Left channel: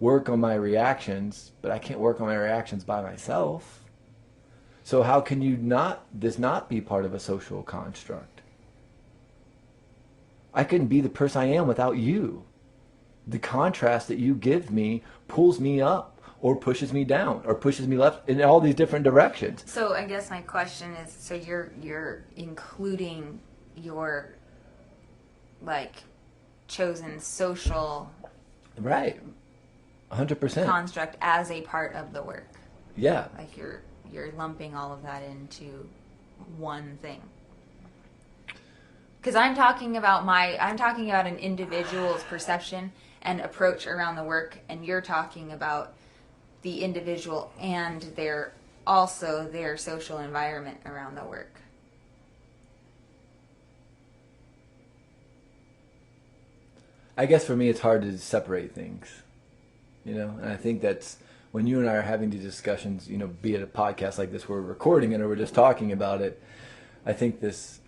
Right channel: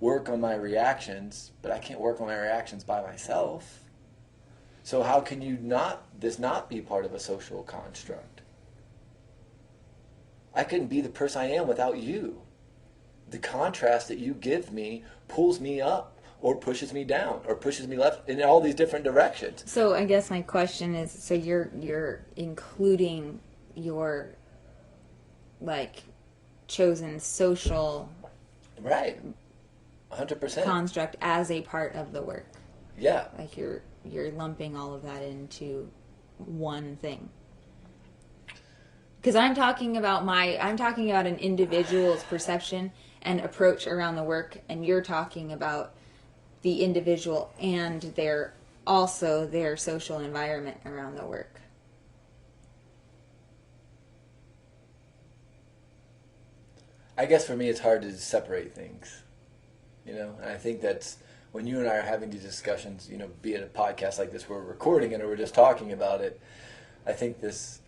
work on my reactions, but I can't work on my reactions by myself. So how can this not be part of a social construct? I couldn't be the person I am without you. The contrast that you give me pulls me up or pushes me down or pushes me left in all these different directions. So I guess my question is, so you're including your like chosen social Right. 100%. construct as a part of the work. Yeah. Like you're lumping all of that into one thing. Because I'm talking about an individual's perception and approach around the work, and you're talking about the individual and their social environment around the work. I guess for me it's hard to separate things, and I think that's when you and I are having these discussions, be it a podcast like this where we're recording it or we're just talking about it. I think this,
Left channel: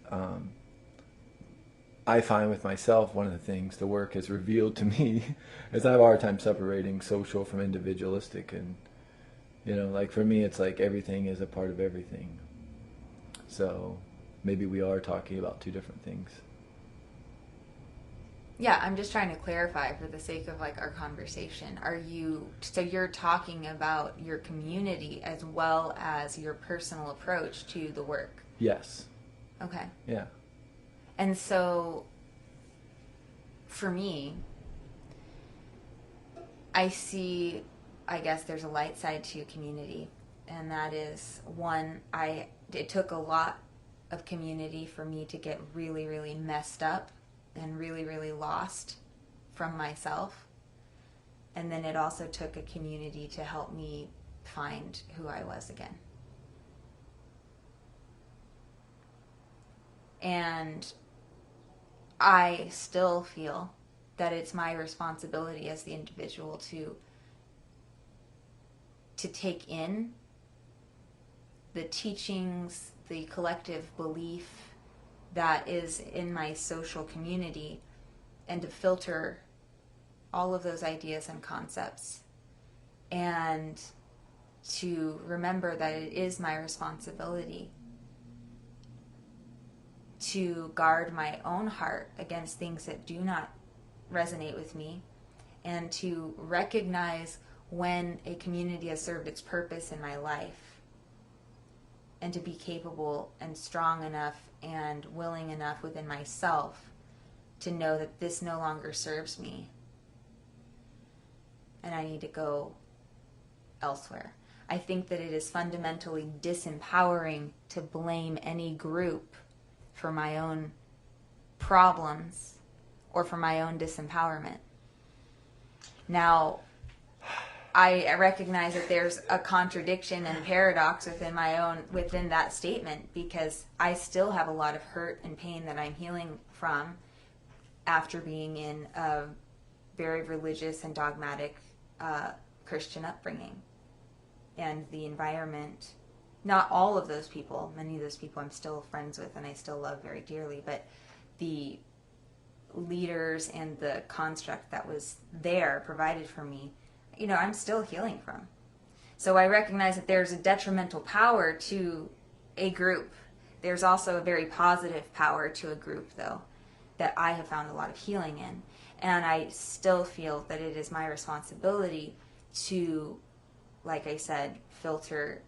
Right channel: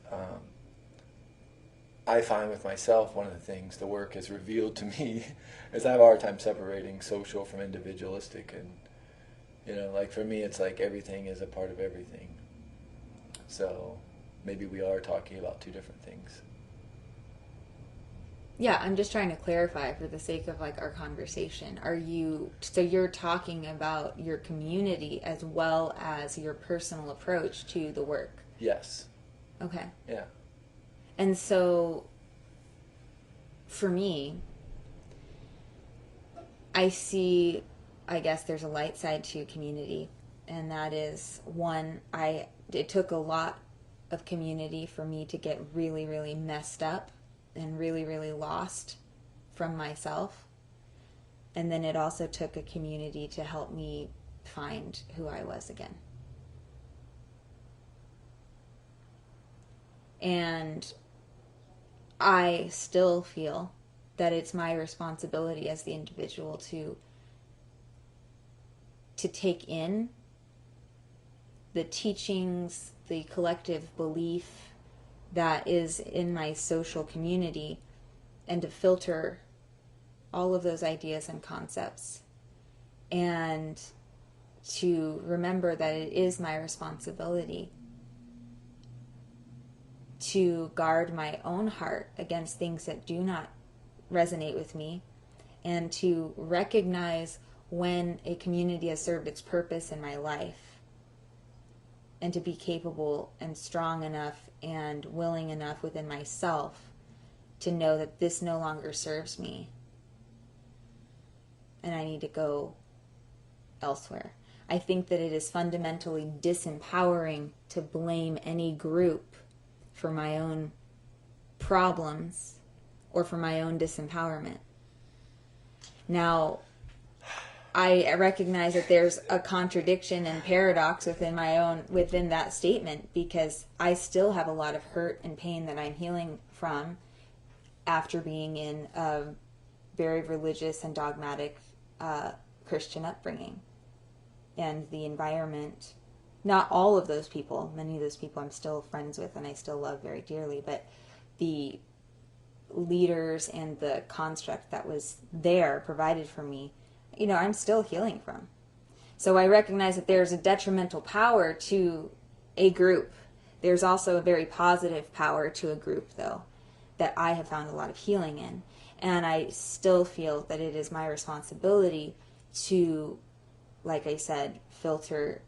I find with myself, one of the things the work has revealed to me is I have a hard time separating social from individualistic. And, like for me, it's like everything is a part of everything. So maybe we are talking about two different things. Yeah, I'm just trying to clarify for the sake of like our conversation. So you're talking about your community as well as your personal approach to the work? Yes. Okay. Yeah. And so for me, I guess there's a light side to community, and that is one, it took a lot of community for me to get really, really messed up and really, really lost from myself. And then it also took a community to help me find who I was again. And I still feel that it's my responsibility as the individual to take in the teachings, the collective belief that is in my social community, and to filter all of those ideas and concepts, and to remember that it is my responsibility to guard my own heart against things that do not resonate with me, and to recognize when a community has served its purpose in my life, and to be capable and strong enough and willing enough within myself to know that this no longer serves me and I need to go elsewhere. I think that it is fundamentally disempowering to blame any group for my own problems or for my own disempowerment. Now, I recognize that there's a contradiction and paradox within that statement, because I still have a lot of hurt and pain that I'm healing from after being in a very religious and dogmatic Christian upbringing. And the environment, not all of those people, many of those people I'm still friends with and I still love very dearly, but the leaders and the construct that was there provided for me, I'm still healing from. So I recognize that there's a detrimental power to a group. There's also a very positive power to a group, though, that I have found a lot of healing in. And I still feel that it is my responsibility to, like I said, filter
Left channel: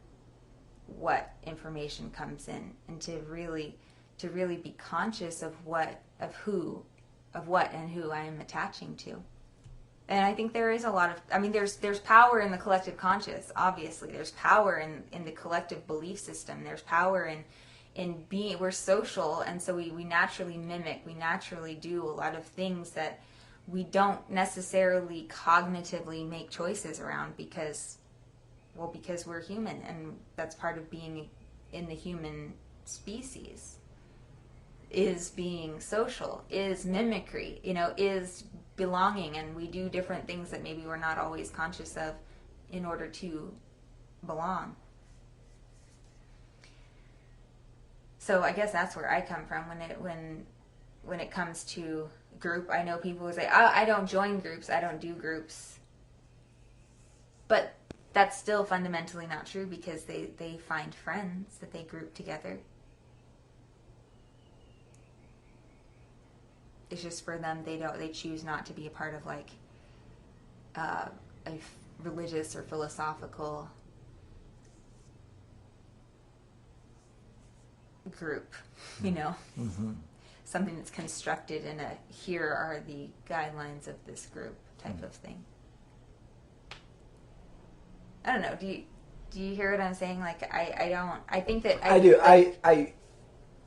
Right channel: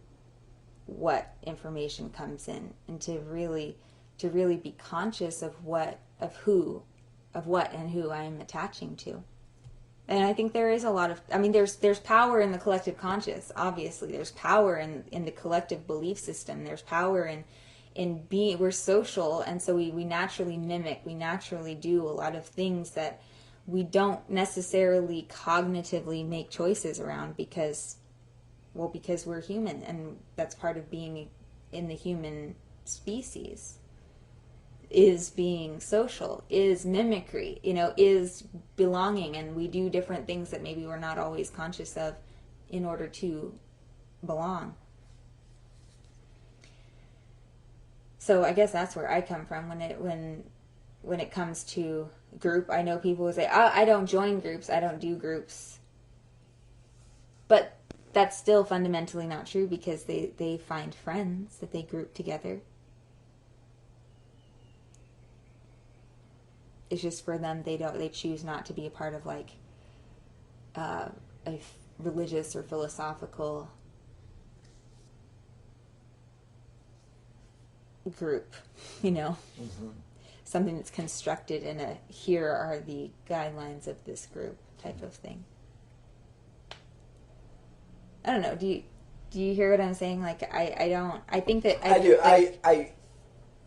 what information comes in, and to really be conscious of what and who I am attaching to. And I think there is a lot of, there's power in the collective conscious, obviously. There's power in the collective belief system. There's power in being, we're social, and so we naturally mimic, we naturally do a lot of things that we don't necessarily cognitively make choices around because we're human, and that's part of being in the human species. Is being social, is mimicry, is belonging, and we do different things that maybe we're not always conscious of in order to belong. So I guess that's where I come from when it comes to group. I know people who say, I don't join groups, I don't do groups. But that's still fundamentally not true because they find friends that they group together. It's just for them, they choose not to be a part of like a religious or philosophical group, you know. Mm-hmm. Something that's constructed in a here are the guidelines of this group type of thing. I don't know. Do you hear what I'm saying? Like I don't. I think that I do. Like, I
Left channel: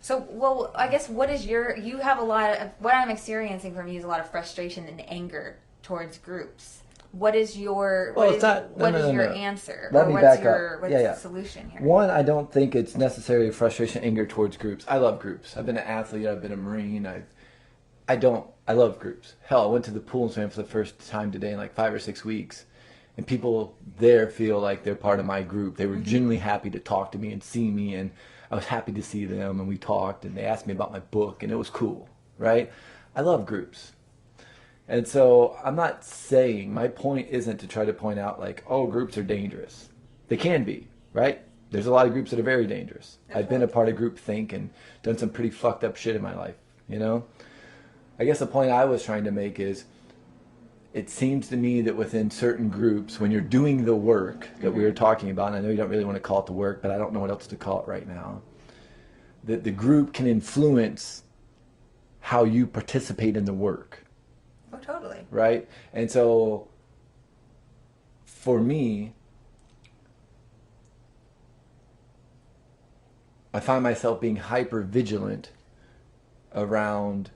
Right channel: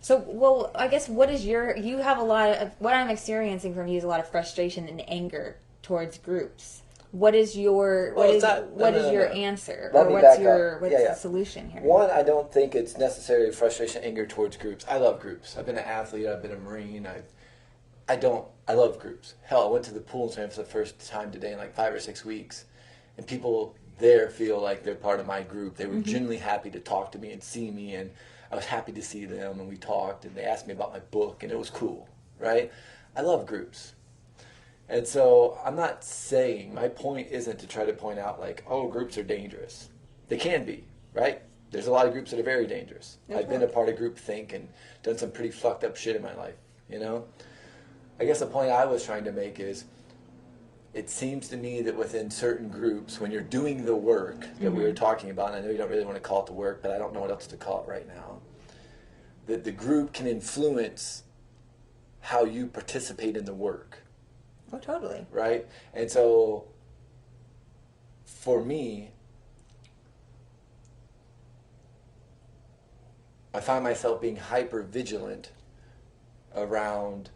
So, well, I guess you have a lot of, what I'm experiencing from you is a lot of frustration and anger towards groups. What is your, what is your answer? Or what's the solution here? One, I don't think it's necessarily frustration, anger towards groups. I love groups. I've been an athlete. I've been a Marine. I love groups. Hell, I went to the pool and swam for the first time today in like 5 or 6 weeks. And people there feel like they're part of my group. They were genuinely happy to talk to me and see me, and I was happy to see them, and we talked, and they asked me about my book, and it was cool, right? I love groups. And so I'm not saying, my point isn't to try to point out like, oh, groups are dangerous. They can be, right? There's a lot of groups that are very dangerous. I've been a part of groupthink and done some pretty fucked up shit in my life, you know? I guess the point I was trying to make is, it seems to me that within certain groups, when you're doing the work that we were talking about, and I know you don't really want to call it the work, but I don't know what else to call it right now, that the group can influence how you participate in the work. Oh, totally. Right? And so, for me, I find myself being hyper vigilant around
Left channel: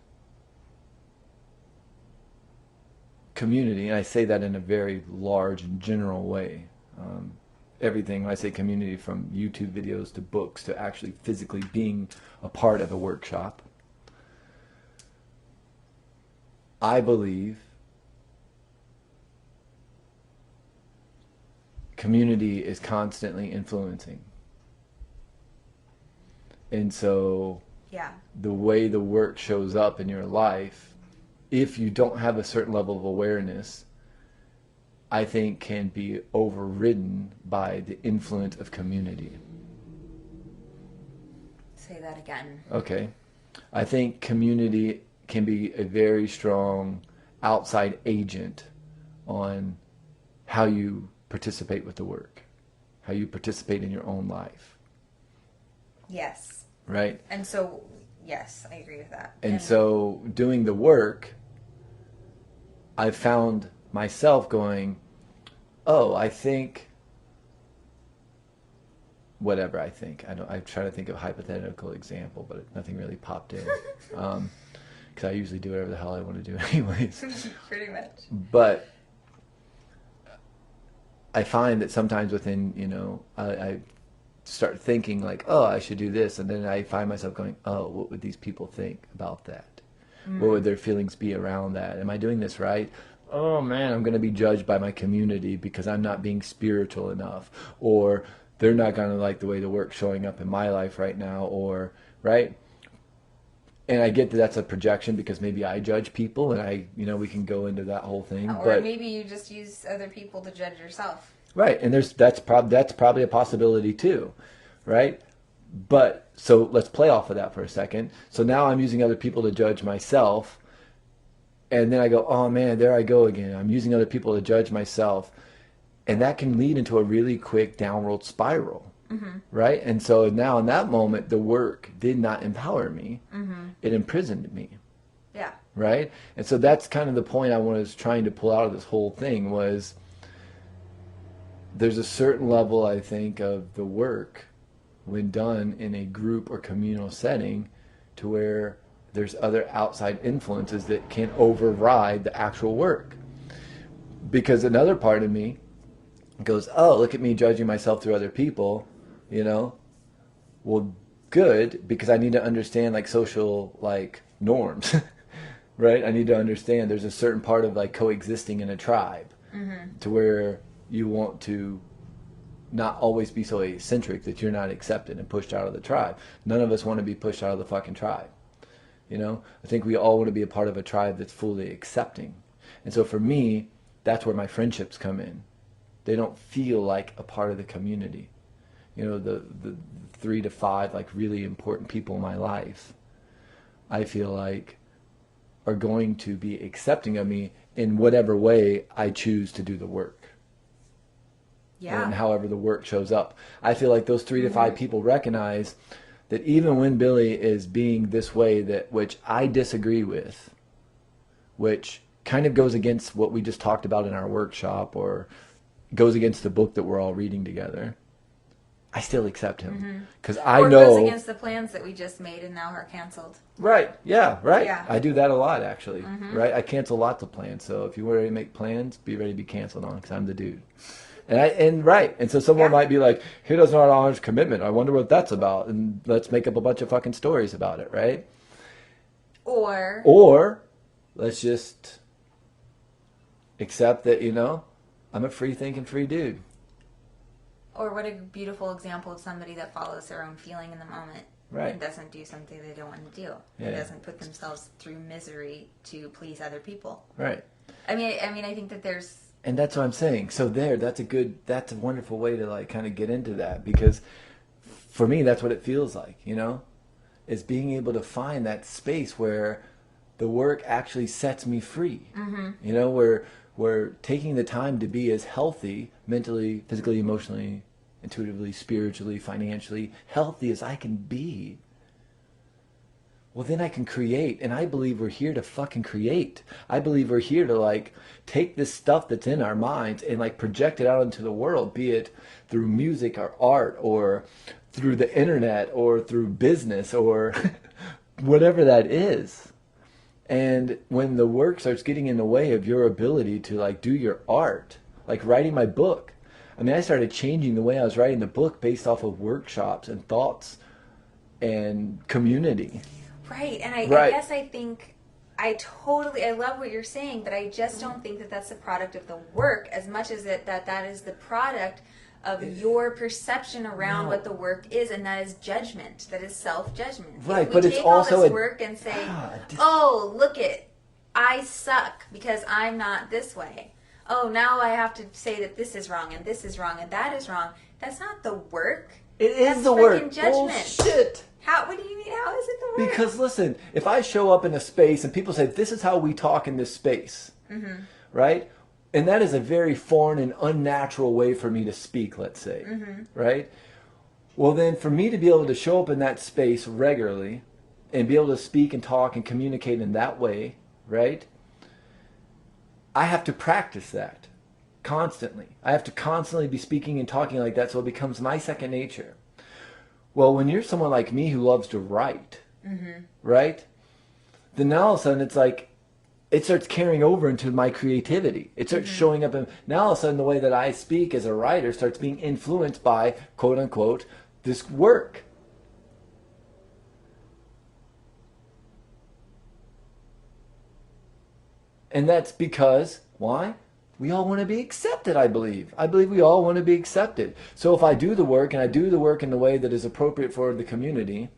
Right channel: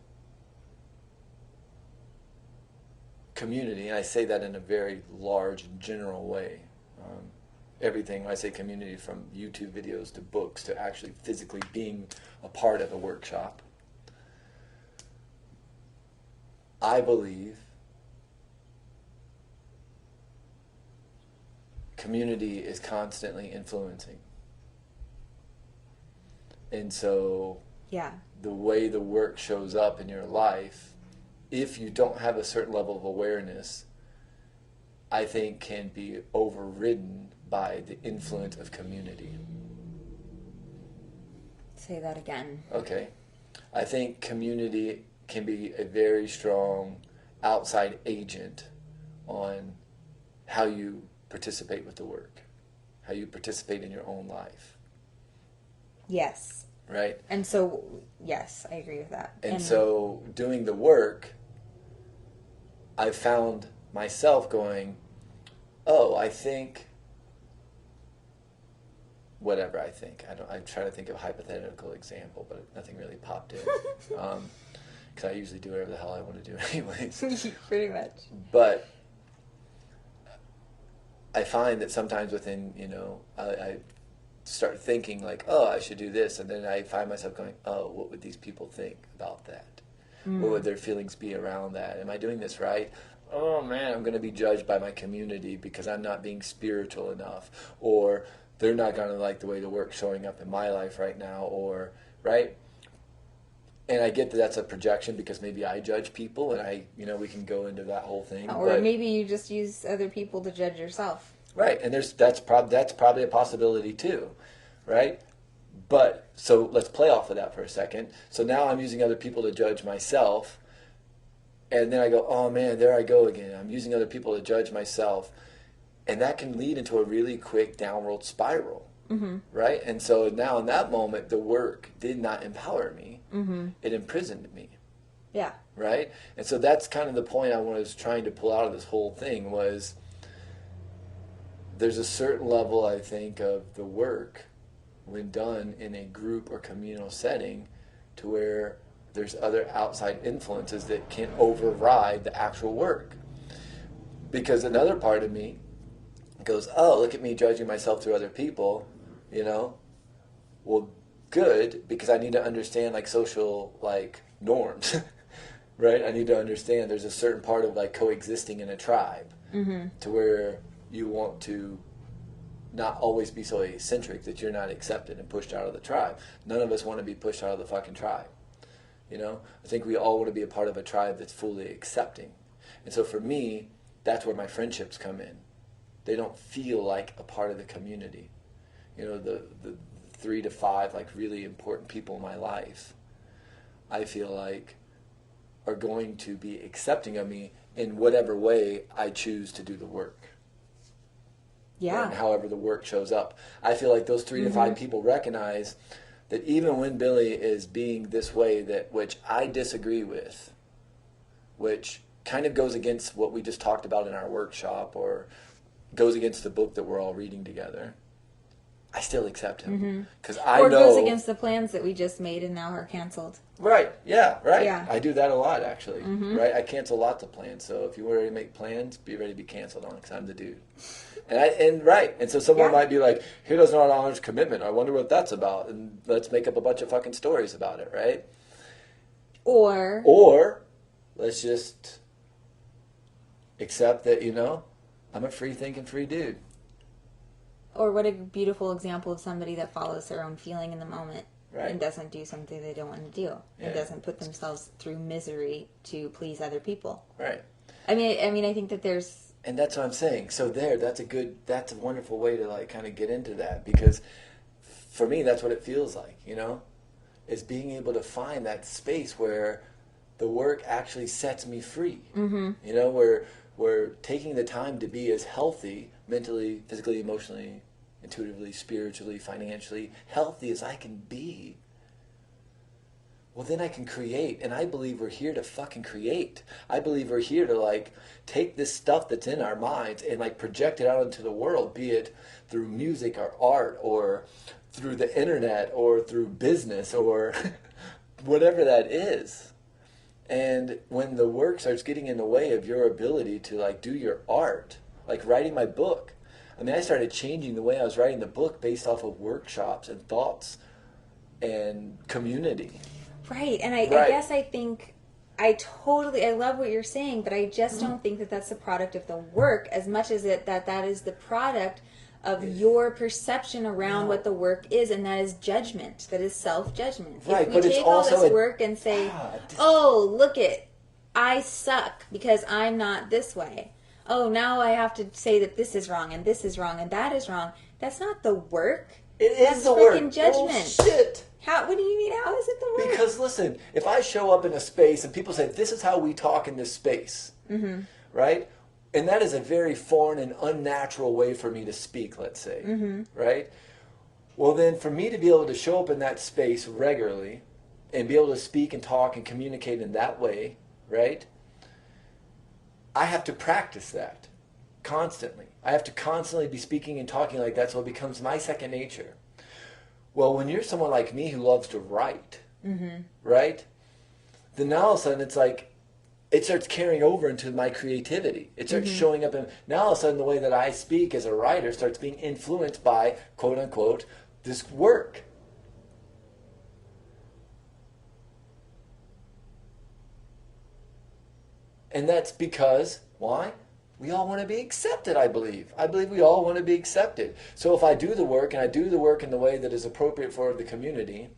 community, and I say that in a very large and general way. Everything, when I say community, from YouTube videos to books to actually physically being a part of a workshop. I believe community is constantly influencing. And so the way the work shows up in your life, if you don't have a certain level of awareness, I think can be overridden by the influence of community. Say that again. Okay. I think community can be a very strong outside agent on how you participate with the work, how you participate in your own life. Yes. Right? And so, yes, I agree with that. And so doing the work, I've found myself going, oh, I think, whatever I think. I try to think of a hypothetical example, but nothing really popped in. Because I usually do whatever the hell I want to do anyways. Pretty much. But I find that sometimes within, I start thinking like, oh, I should do this. And then I find myself going, oh, what would these people think about that? What would their feelings be around that? Am I doing this right? Oh man, I'm going to be judged by my community because I'm not being spiritual enough. Or they're not going to like the way the work's showing up in my life right now. Or, right? And I get that that's a projection because maybe I judge people, and we can go into that whole thing. Or maybe you just use other people to judge yourself. Right, and that's probably a possibility too, right? But so let's play off of that for a second. So now I'm using other people to judge myself, and then I go, oh man, there I go again. I'm using other people to judge myself, and that can lead into a really quick downward spiral. Right? And so now in that moment, the work did not empower me. It imprisoned me. Yeah. Right? And so that's kind of the point I was trying to pull out of this whole thing was there's a certain level, I think, of the work when done in a group or communal setting to where there's other outside influences that can override the actual work. Because another part of me goes, oh, look at me judging myself through other people. Well, good, because I need to understand like social like norms, right? I need to understand there's a certain part of like coexisting in a tribe to where you want to not always be so eccentric that you're not accepted and pushed out of the tribe. None of us want to be pushed out of the fucking tribe. I think we all want to be a part of a tribe that's fully accepting. And so for me, that's where my friendships come in. They don't feel like a part of the community. You know, the 3 to 5 like really important people in my life, I feel like are going to be accepting of me in whatever way I choose to do the work. Yeah. And however the work shows up. I feel like those 3 to 5 people recognize that even when Billy is being this way, that which I disagree with, which kind of goes against what we just talked about in our workshop, or goes against the book that we're all reading together, I still accept him. Because I Or know... goes against the plans that we just made and now are canceled. Right. Yeah, right. Yeah. I do that a lot, actually. Right? I cancel lots of plans. So if you're ready to make plans, be ready to be canceled on, because I'm the dude. And so someone might be like, he doesn't honor his commitment. I wonder what that's about. And let's make up a bunch of fucking stories about it, right? Or let's just accept that, you know, I'm a free thinking, free dude. Or what a beautiful example of somebody that follows their own feeling in the moment. Right. And doesn't do something they don't want to do. Yeah. And doesn't put themselves through misery to please other people. Right. I mean, I think that there's... And that's what I'm saying. So that's a wonderful way to like kind of get into that, because for me, that's what it feels like, you know, is being able to find that space where the work actually sets me free. You know, where we're taking the time to be as healthy, mentally, physically, emotionally, intuitively, spiritually, financially, healthy as I can be. Well, then I can create. And I believe we're here to fucking create. I believe we're here to like take this stuff that's in our minds and like project it out into the world, be it through music or art or through the internet or through business or whatever that is. And when the work starts getting in the way of your ability to like do your art, like writing my book, I mean, I started changing the way I was writing the book based off of workshops and thoughts and community. Right. And I guess I think I love what you're saying, but I just don't think that that's the product of the work as much as that is the product of your perception around what the work is, and that is judgment. That is self-judgment. Right, if we take all this work and say, I suck because I'm not this way. Oh, now I have to say that this is wrong and this is wrong and that is wrong. That's not the work. That's the work. Freaking judgment. Oh, shit. What do you mean? How is it the work? Because listen, if I show up in a space and people say, this is how we talk in this space, right? And that is a very foreign and unnatural way for me to speak, let's say, right? Well, then for me to be able to show up in that space regularly and be able to speak and talk and communicate in that way, right? I have to practice that constantly. I have to constantly be speaking and talking like that so it becomes my second nature. Well, when you're someone like me who loves to write, right? Then now all of a sudden it's like, it starts carrying over into my creativity. It starts showing up. And now all of a sudden the way that I speak as a writer starts being influenced by, quote unquote, this work. And that's because, why? We all want to be accepted, I believe. I believe we all want to be accepted. So if I do the work, and I do the work in the way that is appropriate for the community,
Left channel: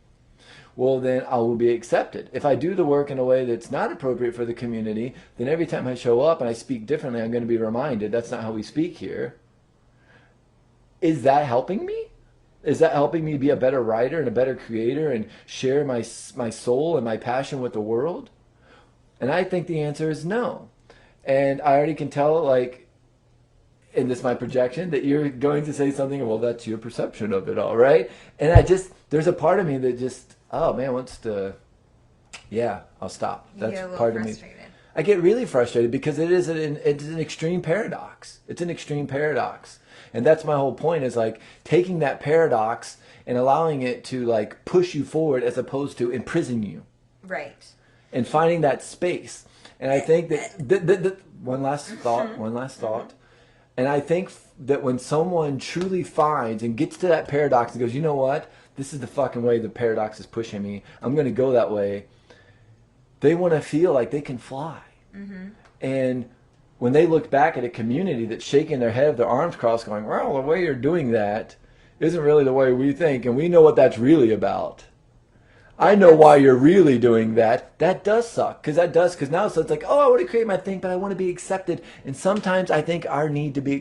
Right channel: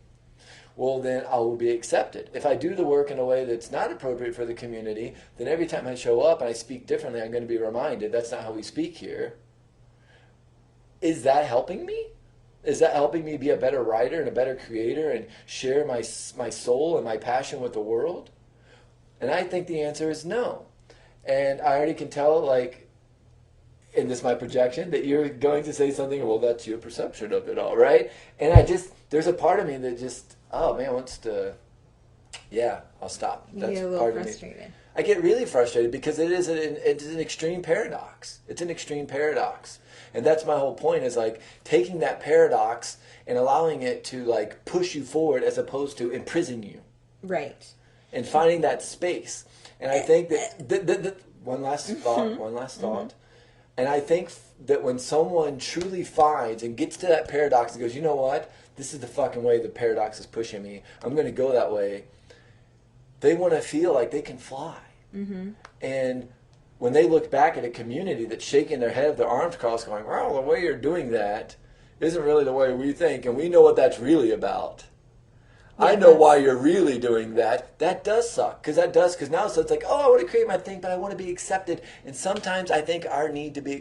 well, then I will be accepted. If I do the work in a way that's not appropriate for the community, then every time I show up and I speak differently, I'm going to be reminded that's not how we speak here. Is that helping me? Is that helping me be a better writer and a better creator and share my soul and my passion with the world? And I think the answer is no. And I already can tell, like, and this is my projection, that you're going to say something, well, that's your perception of it all, right? And there's a part of me that just, oh man, wants to, I'll stop. That's you get a little frustrated. I get really frustrated because it's an extreme paradox. It's an extreme paradox. And that's my whole point, is like taking that paradox and allowing it to like push you forward as opposed to imprison you. Right. And finding that space. And I think that one last thought. And I think that when someone truly finds and gets to that paradox and goes, you know what? This is the fucking way the paradox is pushing me. I'm going to go that way. They want to feel like they can fly. And when they look back at a community that's shaking their head with their arms crossed going, well, the way you're doing that isn't really the way we think. And we know what that's really about. Yeah, I know why you're really doing that. That does suck. Because now so it's like, oh, I want to create my thing, but I want to be accepted. And sometimes I think our need to be